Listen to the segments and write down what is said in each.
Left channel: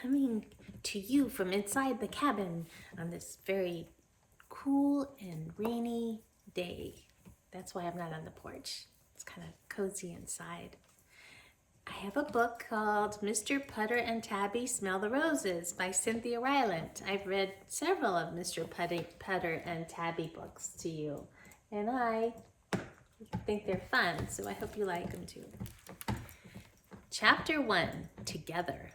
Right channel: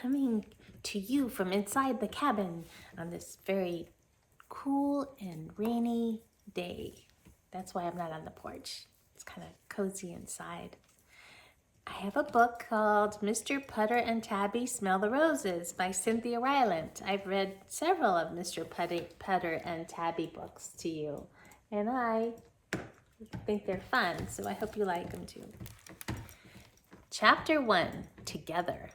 coming to you from inside the cabin on this very cool and rainy day. That's why I'm not on the porch. It's kind of cozy inside. I have a book called Mr. Putter and Tabby Smell the Roses by Cynthia Rylant. I've read several of Mr. Putter and Tabby books to you, and I think they're fun, so I hope you like them too. Chapter 1, Together.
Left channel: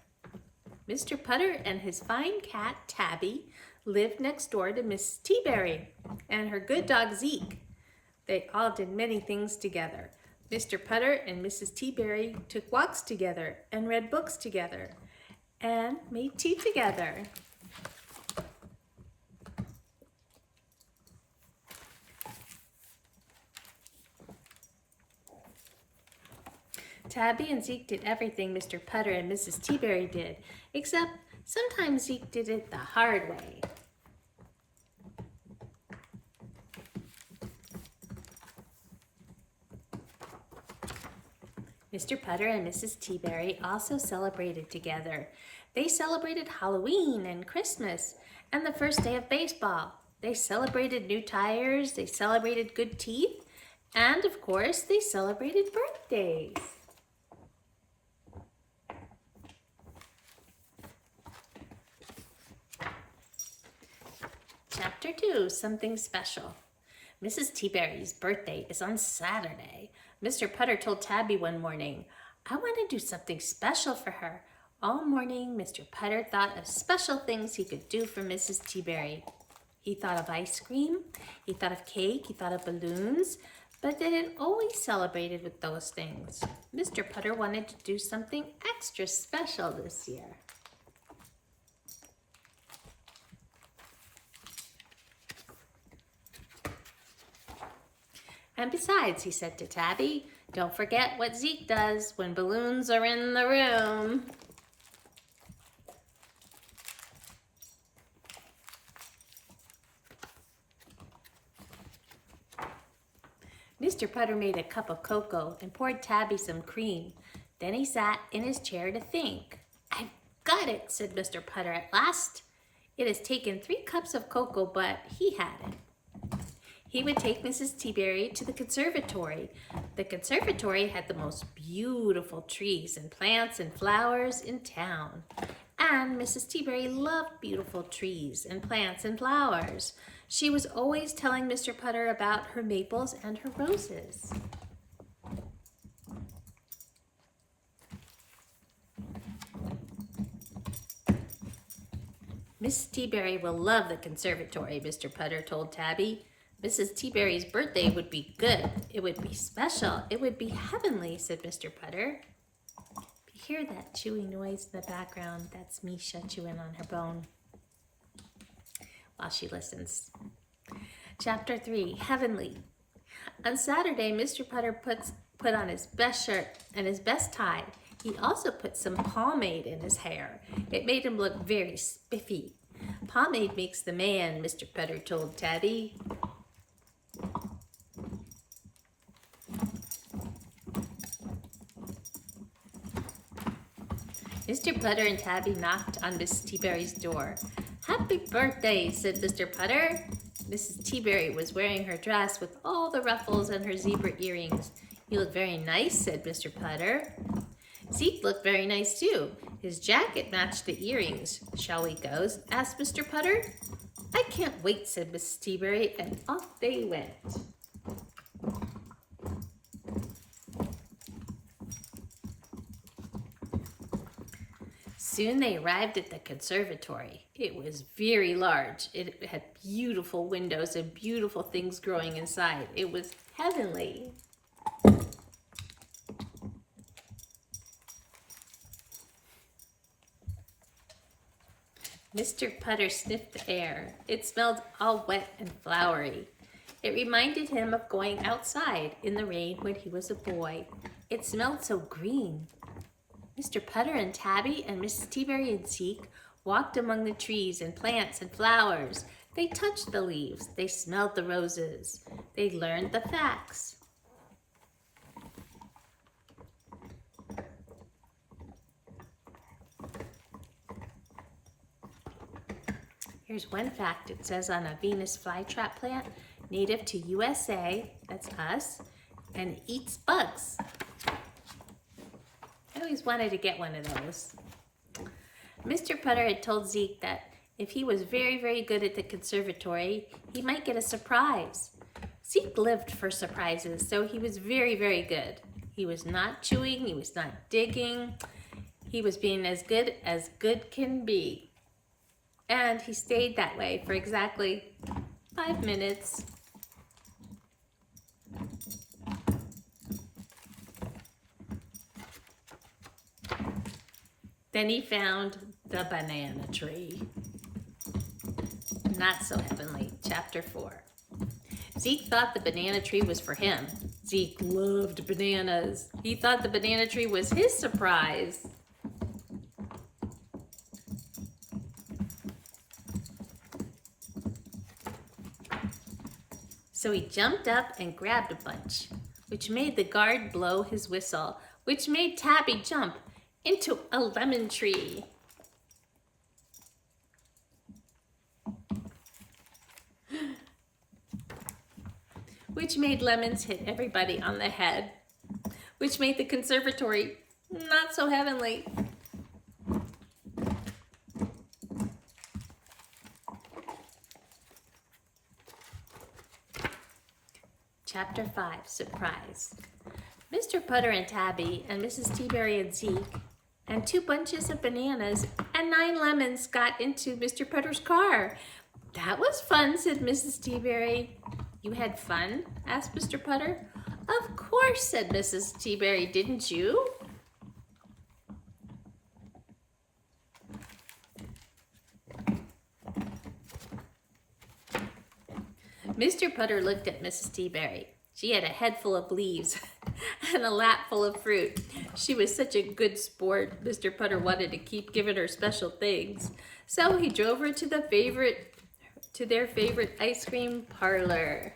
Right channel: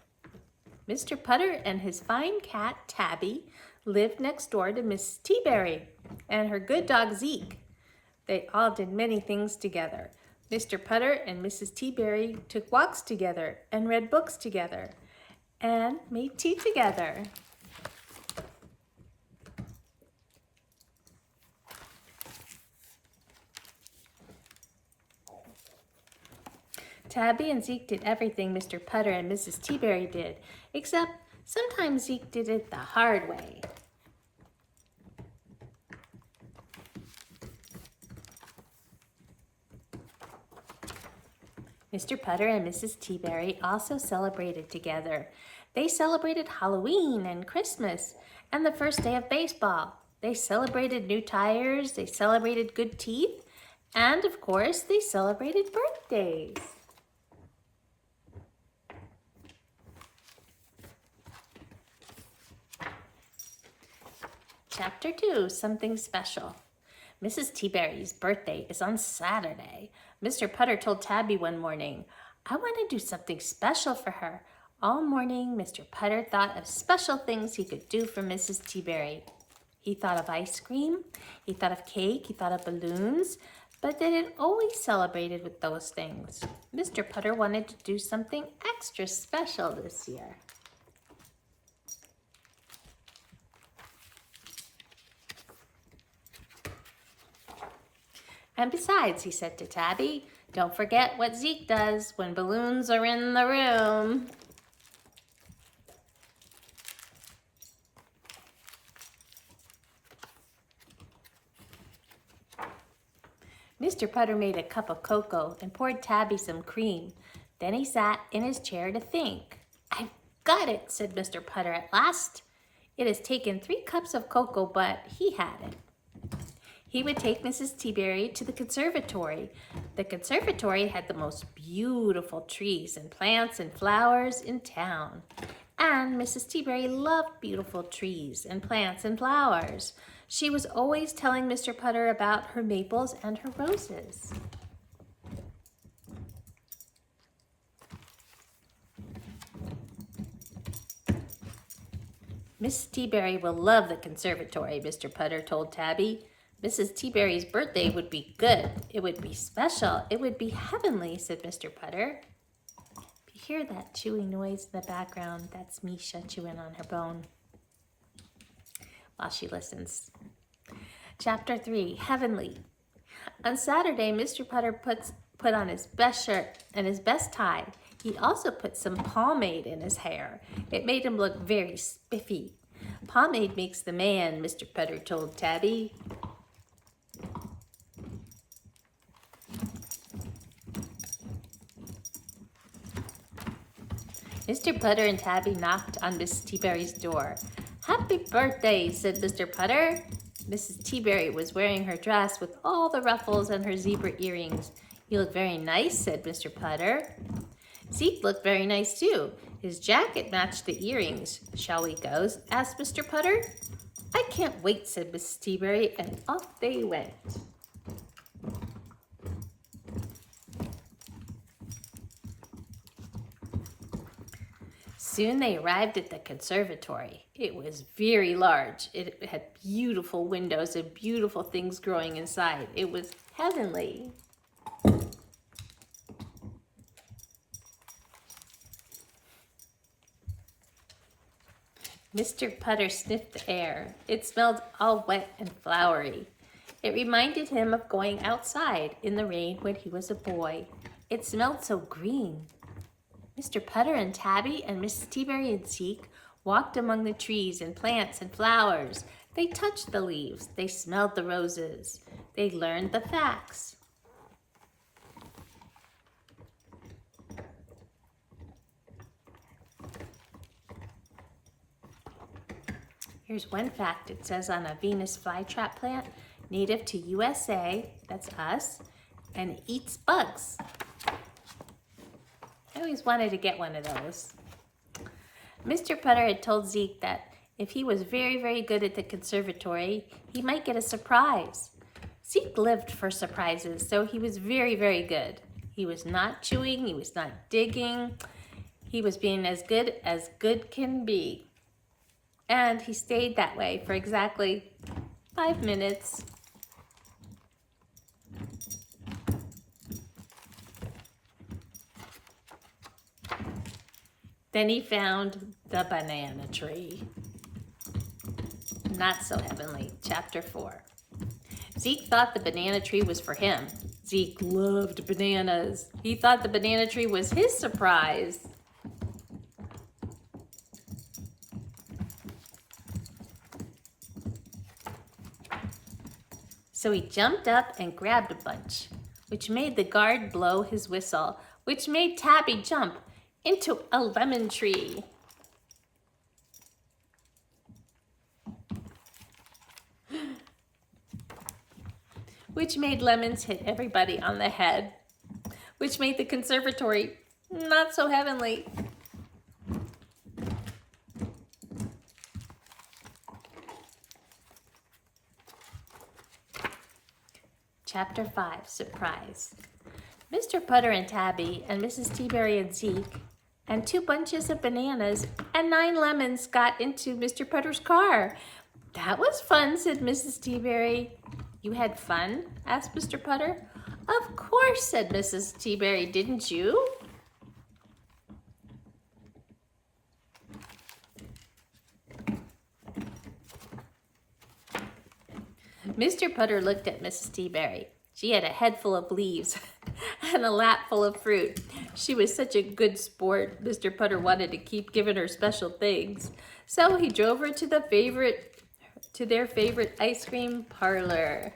Mr. Putter and his fine cat, Tabby, lived next door to Miss Teaberry and her good dog, Zeke. They all did many things together. Mr. Putter and Mrs. Teaberry took walks together and read books together and made tea together. Tabby and Zeke did everything Mr. Putter and Mrs. Teaberry did, except sometimes Zeke did it the hard way. Mr. Putter and Mrs. Teaberry also celebrated together. They celebrated Halloween and Christmas and the first day of baseball. They celebrated new tires, they celebrated good teeth, and of course, they celebrated birthdays. Chapter 2, Something Special. Mrs. Teaberry's birthday is on Saturday. Mr. Putter told Tabby one morning, I want to do something special for her. All morning, Mr. Putter thought of special things he could do for Mrs. Teaberry. He thought of ice cream, he thought of cake, he thought of balloons, but they didn't always celebrated with those things. Mr. Putter wanted to do something extra special this year. And besides, he said to Tabby, don't forget what Zeke does when balloons are in the room. Mr. Putter made a cup of cocoa and poured Tabby some cream. Then he sat in his chair to think. I've got it, said Mr. Putter at last. It has taken 3 cups of cocoa, but he had it. He would take Mrs. Teaberry to the conservatory. The conservatory had the most beautiful trees and plants and flowers in town. And Mrs. Teaberry loved beautiful trees and plants and flowers. She was always telling Mr. Putter about her maples and her roses. Mrs. Teaberry will love the conservatory, Mr. Putter told Tabby. Mrs. Teaberry's birthday would be good. It would be special. It would be heavenly, said Mr. Putter. If you hear that chewing noise in the background, that's me chewing on her bone while she listens. Chapter 3, Heavenly. On Saturday, Mr. Putter put on his best shirt and his best tie. He also put some pomade in his hair. It made him look very spiffy. Pomade makes the man, Mr. Putter told Tabby. Mr. Putter and Tabby knocked on Mrs. Teaberry's door. Happy birthday, said Mr. Putter. Mrs. Teaberry was wearing her dress with all the ruffles and her zebra earrings. You look very nice, said Mr. Putter. Zeke looked very nice too. His jacket matched the earrings. Shall we go? Asked Mr. Putter. I can't wait, said Mrs. Teaberry, and off they went. Soon they arrived at the conservatory. It was very large. It had beautiful windows and beautiful things growing inside. It was heavenly. Mr. Putter sniffed the air. It smelled all wet and flowery. It reminded him of going outside in the rain when he was a boy. It smelled so green. Mr. Putter and Tabby and Mrs. Teaberry and Zeke walked among the trees and plants and flowers. They touched the leaves. They smelled the roses. They learned the facts. Here's one fact. It says on a Venus flytrap plant, native to USA, that's us, and eats bugs. I always wanted to get one of those. Mr. Putter had told Zeke that if he was very, very good at the conservatory, he might get a surprise. Zeke lived for surprises, so he was very, very good. He was not chewing, he was not digging. He was being as good can be. And he stayed that way for exactly 5 minutes. Then he found the banana tree. Not so heavenly, chapter 4. Zeke thought the banana tree was for him. Zeke loved bananas. He thought the banana tree was his surprise. So he jumped up and grabbed a bunch, which made the guard blow his whistle, which made Tabby jump into a lemon tree. Which made lemons hit everybody on the head, which made the conservatory not so heavenly. Chapter 5, Surprise. Mr. Putter and Tabby and Mrs. Teaberry and Zeke and 2 bunches of bananas and 9 lemons got into Mr. Putter's car. That was fun, said Mrs. Teaberry. You had fun? Asked Mr. Putter. Of course, said Mrs. Teaberry. Didn't you? Mr. Putter looked at Mrs. Teaberry. She had a head full of leaves and a lap full of fruit. She was such a good sport. Mr. Putter wanted to keep giving her special things. So he drove her to their favorite ice cream parlor.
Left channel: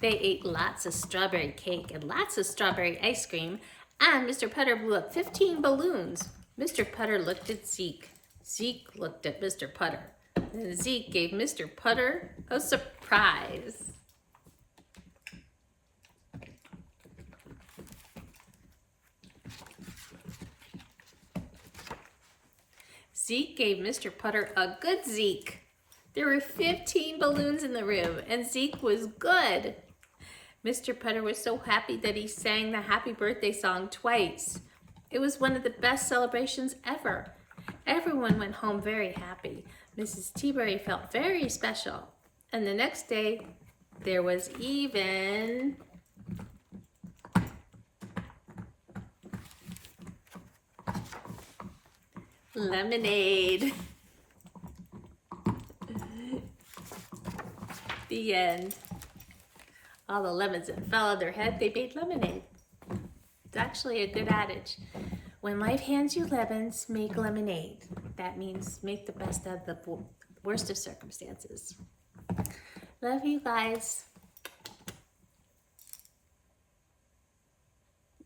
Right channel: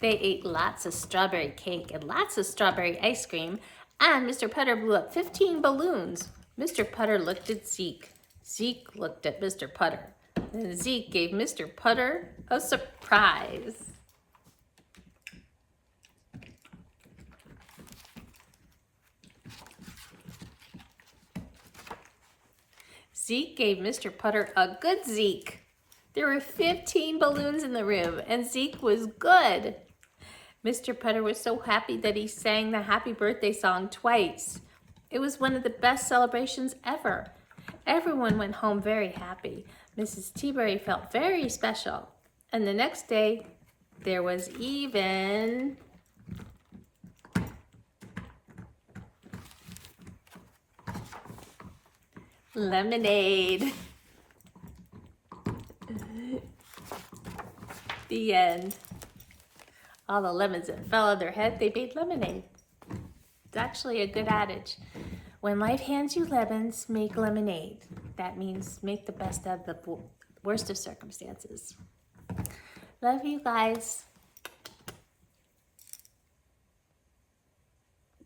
They ate lots of strawberry cake and lots of strawberry ice cream, and Mr. Putter blew up 15 balloons. Mr. Putter looked at Zeke. Zeke looked at Mr. Putter. And Zeke gave Mr. Putter a surprise. Zeke gave Mr. Putter a good Zeke. There were 15 balloons in the room, and Zeke was good. Mr. Putter was so happy that he sang the happy birthday song twice. It was one of the best celebrations ever. Everyone went home very happy. Mrs. Teaberry felt very special. And the next day, there was even lemonade. The end. All the lemons that fell on their head, they made lemonade. It's actually a good adage. When life hands you lemons, make lemonade. That means make the best of the worst of circumstances. Love you guys.